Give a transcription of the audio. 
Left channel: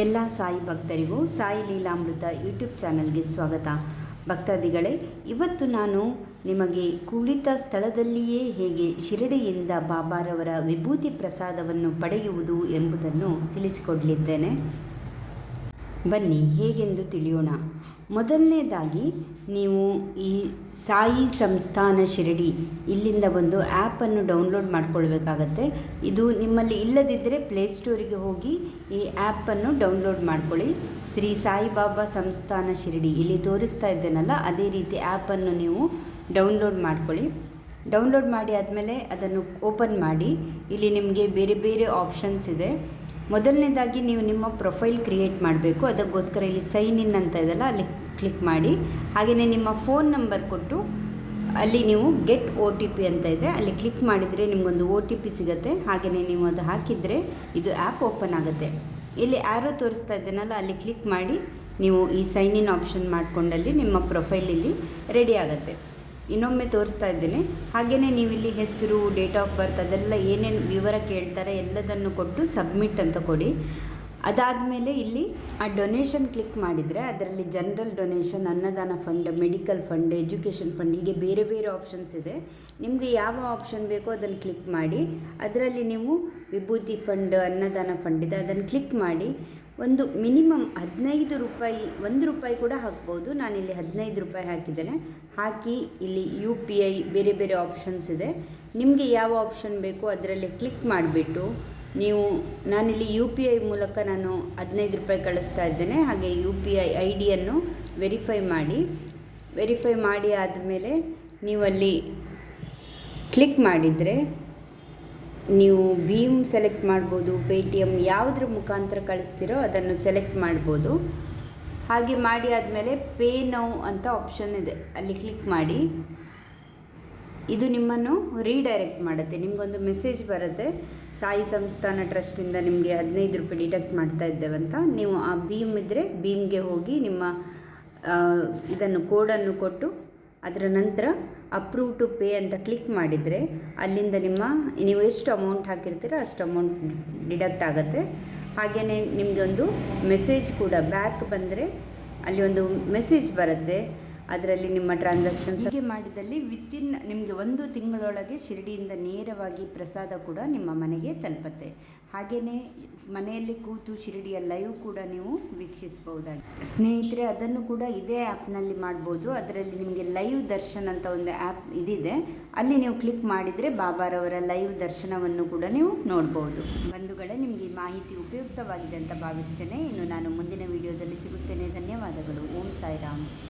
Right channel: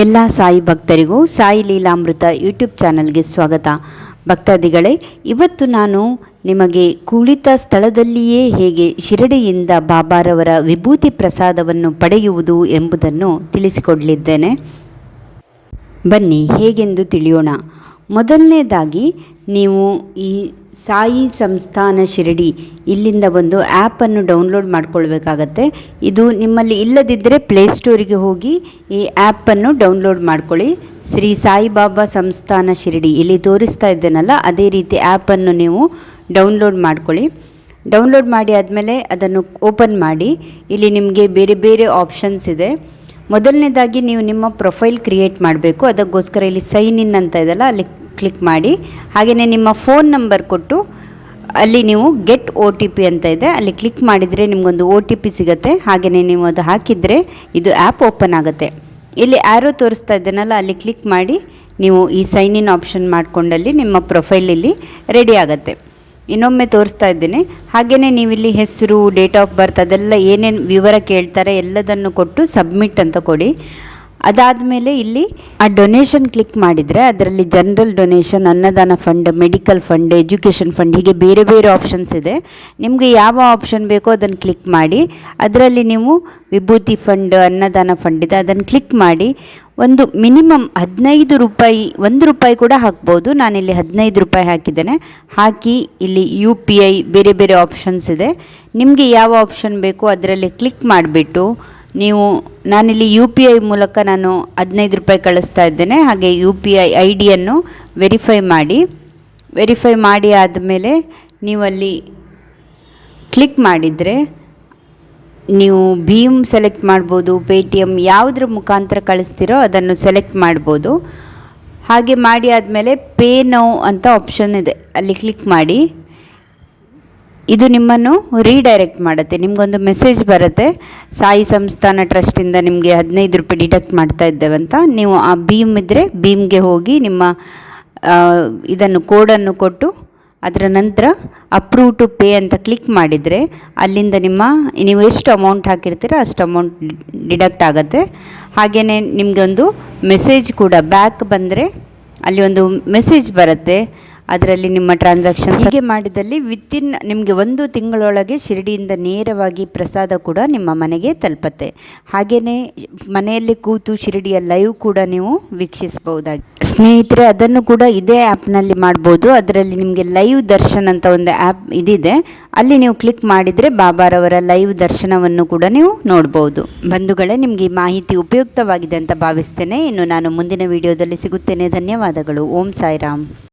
ಎಲ್ಲ ಸಾಯಿ ಭಕ್ತರಿಗೂ ಸಾಯಿ ಲೀಲಾಮೃತ ಯೂಟ್ಯೂಬ್ ಚಾನಲ್ಗೆ ಸ್ವಾಗತ. ಭಕ್ತಾದಿಗಳೇ, ಇವತ್ತು ನಾನು ನಿಮಗೆ ಕುಳಿತ ಸ್ಥಳದಲ್ಲಿಯೇ ಹೇಗೆ ಶಿರಡಿಯಿಂದ ಬಾಬಾರವರ ವಿಭೂತಿ ಪ್ರಸಾದವನ್ನು ಪಡೆಯುವುದು ಎಂಬುದನ್ನು ತಿಳಿಸಿಕೊಡಲಿದ್ದೇನೆ. ಬನ್ನಿ ಹೇಗೆಂದು ತಿಳಿಯೋಣ. ಮೊದಲನೇದಾಗಿ ನೀವು ಈ ಸಾಯಿ ಸಂಸ್ಥಾನ ಶಿರಡಿ ಇಲ್ಲಿಂದ ಒಂದು ಆ್ಯಪನ್ನು ಡೌನ್ಲೋಡ್ ಮಾಡ್ಕೊಳ್ಬೇಕಾಗತ್ತೆ. ಇದು ನಿಮ್ಮಲ್ಲಿ ಇಲ್ಲದಿದ್ದರೆ ಪ್ಲೇಸ್ಟೋರಿಗೆ ಹೋಗಿ ಈ ಆ್ಯಪನ್ನು ಡೌನ್ಲೋಡ್ ಮಾಡ್ಕೊಳ್ಳಿ. ಶ್ರೀ ಸಾಯಿಬಾಬಾ ಸಂಸ್ಥಾನ ಶಿರಡಿ ಇಲ್ಲಿ ತೋರಿಸ್ತಾ ಇದ್ದೇನಲ್ಲ, ಅದೇ ರೀತಿ ಆ್ಯಪನ್ನು ನೀವು ಡೌನ್ಲೋಡ್ ಮಾಡ್ಕೊಳ್ಳಿ. ಡೌನ್ಲೋಡ್ ಮಾಡಿ ಆದಮೇಲೆ ಅದನ್ನು ಓಪನ್ ಮಾಡಿ. ಇಲ್ಲಿ ನಿಮಗೆ ಬೇರೆ ಬೇರೆ ಆಪ್ಷನ್ಸ್ ಇದೆ. ಮೊದಲನೇದಾಗಿ ನೀವು ನಿಮ್ಮ ಪ್ರೊಫೈಲ್ ಕ್ರಿಯೇಟ್ ಮಾಡಬೇಕು. ಅದಕ್ಕೋಸ್ಕರ ಇಲ್ಲಿ ಸೈನ್ ಇನ್ ಅಂತ ಇದೆಯಲ್ಲ, ಅಲ್ಲಿ ಕ್ಲಿಕ್ ಮಾಡಿ. ಹಾಗೆಯೇ ನಿಮ್ಮ ಫೋನ್ ನಂಬರ್ ಕೊಟ್ಟು ಅಲ್ಲಿ ನೀವು ಗೆಟ್ OTP ಅಂತ ಇದೆ, ಅಲ್ಲಿ ಕ್ಲಿಕ್ ಮಾಡಿದರೆ ನಿಮಗೊಂದು OTP ಸಿಗುತ್ತೆ. ಹಾಗೆಯೇ ನೀವು ಅದು ಹಾಕಿದರೆ ಇದು ಆ್ಯಪ್ ಓಪನ್ ಆಗುತ್ತೆ. ಇಲ್ಲಿ ಆ್ಯರೋ ತೋರಿಸ್ತಾ ಇದ್ದೇನಲ್ಲ, ಅಲ್ಲಿ ಕ್ಲಿಕ್ ಮಾಡಿ ನೀವು ಈ ಸೈನ್ ಇನ್ ಆಪ್ಷನ್ ಮಾಡಿಕೊಂಡಲ್ಲಿ ನಿಮ್ಮ ಪ್ರೊಫೈಲ್ ಇಲ್ಲಿ ರೆಡಿ ಆಗುತ್ತೆ. ಇನ್ನೊಮ್ಮೆ ತೋರಿಸ್ತಾ ಇದ್ದೀನಿ. ಹಾಗೆಯೇ ನೀವಿಲ್ಲಿ ಹೆಸರು, ಡೇಟ್ ಆಫ್ ಬರ್ತ್ ಅದೆಲ್ಲ ಏನೇನು ವಿವರ ಕೇಳ್ತಾರೆ ಎಲ್ಲದನ್ನು ಕೊಟ್ಟು ಸಬ್ಮಿಟ್ ಅಂತ ಕೊಡಿ. ಅದಾದಮೇಲೆ ಇಲ್ಲಿ ಆ ಡೊನೇಷನ್ ಕ್ಲಿಕ್ ಮಾಡಿದರೆ ಅದರಲ್ಲಿ ಜನರಲ್ ಡೊನೇಷನ್, ಅನ್ನದಾನ fund, medical fund, education fund, ಹೀಗೆ ಬೇರೆ ಬೇರೆ ಆಪ್ಷನ್ಸ್ ಇದೆ. ನಿಮಗೆ ಯಾವ ಆಪ್ಷನ್ ಬೇಕೋ ಅದನ್ನು ಕ್ಲಿಕ್ ಮಾಡಿ. ಅದರಲ್ಲಿ ನೀವು ವಿಭೂತಿ ಫಂಡ್, ಅನ್ನದಾನ ಫಂಡ್ ಇದೆ, ಅದನ್ನು ಕ್ಲಿಕ್ ಮಾಡಿ. ಒಂದು ಮಿನಿಮಮ್ 15 ರೂಪಾಯಿ, 1 ರೂಪಾಯಿ ಕೂಡ ಹಾಕ್ಬೋದು. ನಾನಿಲ್ಲಿ 15 ರೂಪಾಯಿ ಹಾಕಿದ್ದೇನೆ. ಹಾಕಿ ಇಲ್ಲಿ UPI ಬೇರೆ ಬೇರೆ ಆಪ್ಷನ್ಸ್ ಇದೆ. ನಿಮಗೆ ಯಾವ ಆಪ್ಷನ್ ಬೇಕೋ ಅದರಲ್ಲಿ ಕ್ಲಿಕ್ ಮಾಡಿಬಿಟ್ಟು ನೀವು, ನಾನಿಲ್ಲಿ UPI ಮೂಲಕ ನಾನು 15 ರೂಪಾಯಿ ಕಳಿಸ್ತಾ ಇದ್ದೇನೆ. ಹಾಗೆ UPI ID-ಯನ್ನು ವೆರಿಫೈ ಮಾಡಿ ಆದಮೇಲೆ ನೀವಲ್ಲಿ ಕ್ಲಿಕ್ ಮಾಡಿದರೆ ನೀವು ಭೀಮ್ ಸೆಲೆಕ್ಟ್ ಮಾಡ್ಬೋದು, ಪೇಟಿಎಮ್ ಯಾವುದ್ರ ಮುಖಾಂತರ ಕಳಿಸ್ತೀರೋ ಅದನ್ನು ಸೆಲೆಕ್ಟ್ ಮಾಡ್ಬೋದು. ಹಾಗೆ ಮಾಡಿ ಆದಮೇಲೆ ಪೇ ನೌ ಅಂತ ಆಪ್ಷನ್ ಇದೆ, ಅಲ್ಲಿ ಕ್ಲಿಕ್ ಮಾಡಿ. ಇದು ನಿಮ್ಮನ್ನು ರೀಡೈರೆಕ್ಟ್ ಮಾಡುತ್ತೆ. ನಿಮಗೊಂದು ಮೆಸೇಜ್ ಬರುತ್ತೆ, ಸಾಯಿ ಸಂಸ್ಥಾನ ಟ್ರಸ್ಟಿಂದ ನಿಮಗೆ 15 ರೂಪಾಯಿ ಡಿಡಕ್ಟ್ ಮಾಡ್ತಾ ಇದ್ದೇವಂತ. ನೀವು ಆ ಭೀಮ್ ಇದ್ದರೆ ಭೀಮ್ಗೆ ಹೋಗಿ ನಿಮ್ಮ ಇದನ್ನು ಕೋಡನ್ನು ಕೊಟ್ಟು ಅದರ ನಂತರ ಅಪ್ರೂವ್ ಟು ಪೇ ಅಂತ ಕ್ಲಿಕ್ ಮಾಡಿದರೆ ಅಲ್ಲಿಂದ ನೀವು ಎಷ್ಟು ಅಮೌಂಟ್ ಹಾಕಿರ್ತೀರೋ ಅಷ್ಟು ಅಮೌಂಟ್ ಡಿಡಕ್ಟ್ ಆಗುತ್ತೆ. ಹಾಗೆಯೇ ನಿಮಗೊಂದು ಮೆಸೇಜ್ ಕೂಡ ಬ್ಯಾಕ್ ಬಂದರೆ ಅಲ್ಲಿ ಒಂದು ಮೆಸೇಜ್ ಬರುತ್ತೆ, ಅದರಲ್ಲಿ ನಿಮ್ಮ ಟ್ರಾನ್ಸಾಕ್ಷನ್ ಹೀಗೆ ಮಾಡಿದಲ್ಲಿ ವಿತಿನ್ ನಿಮಗೆ 1 ತಿಂಗಳೊಳಗೆ ಶಿರಡಿಯಿಂದ ನೇರವಾಗಿ ಪ್ರಸಾದ ಕೂಡ ನಿಮ್ಮ ಮನೆಗೆ ತಲುಪುತ್ತೆ. ಹಾಗೆಯೇ ಮನೆಯಲ್ಲಿ ಕೂತು ಶಿರಡಿಯ ಲೈವ್ ಕೂಡ ನೀವು ವೀಕ್ಷಿಸಬಹುದಾಗಿ. ಸ್ನೇಹಿತರೆ, ಅದನ್ನು ಕೂಡ ಇದೇ ಆ್ಯಪ್ನಲ್ಲಿ ಮಾಡ್ಬೋದು. ಅದರಲ್ಲಿ ನಿಮಗೆ ಲೈವ್ ದರ್ಶನ್ ಅಂತ ಒಂದು ಆ್ಯಪ್ ಇದಿದೆ, ಅಲ್ಲಿ ನೀವು ಕ್ಲಿಕ್ ಮಾಡಿದರೆ ಬಾಬಾರವರ ಲೈವ್ ದರ್ಶನವನ್ನು ಕೂಡ ನೀವು ನೋಡ್ಬೋದು. ಬಂಧುಗಳೇ, ನಿಮಗೆ ಈ ಮಾಹಿತಿ ಉಪಯುಕ್ತವಾಗಿದೆ ಅಂತ ಭಾವಿಸ್ತೇನೆ. ಇನ್ನು ನಾನು ಮುಂದಿನ ವಿಡಿಯೋದಲ್ಲಿ ಸಿಗುತ್ತೇನೆ. ಧನ್ಯವಾದಗಳು. ಓಂ ಸಾಯಿರಾಮ್.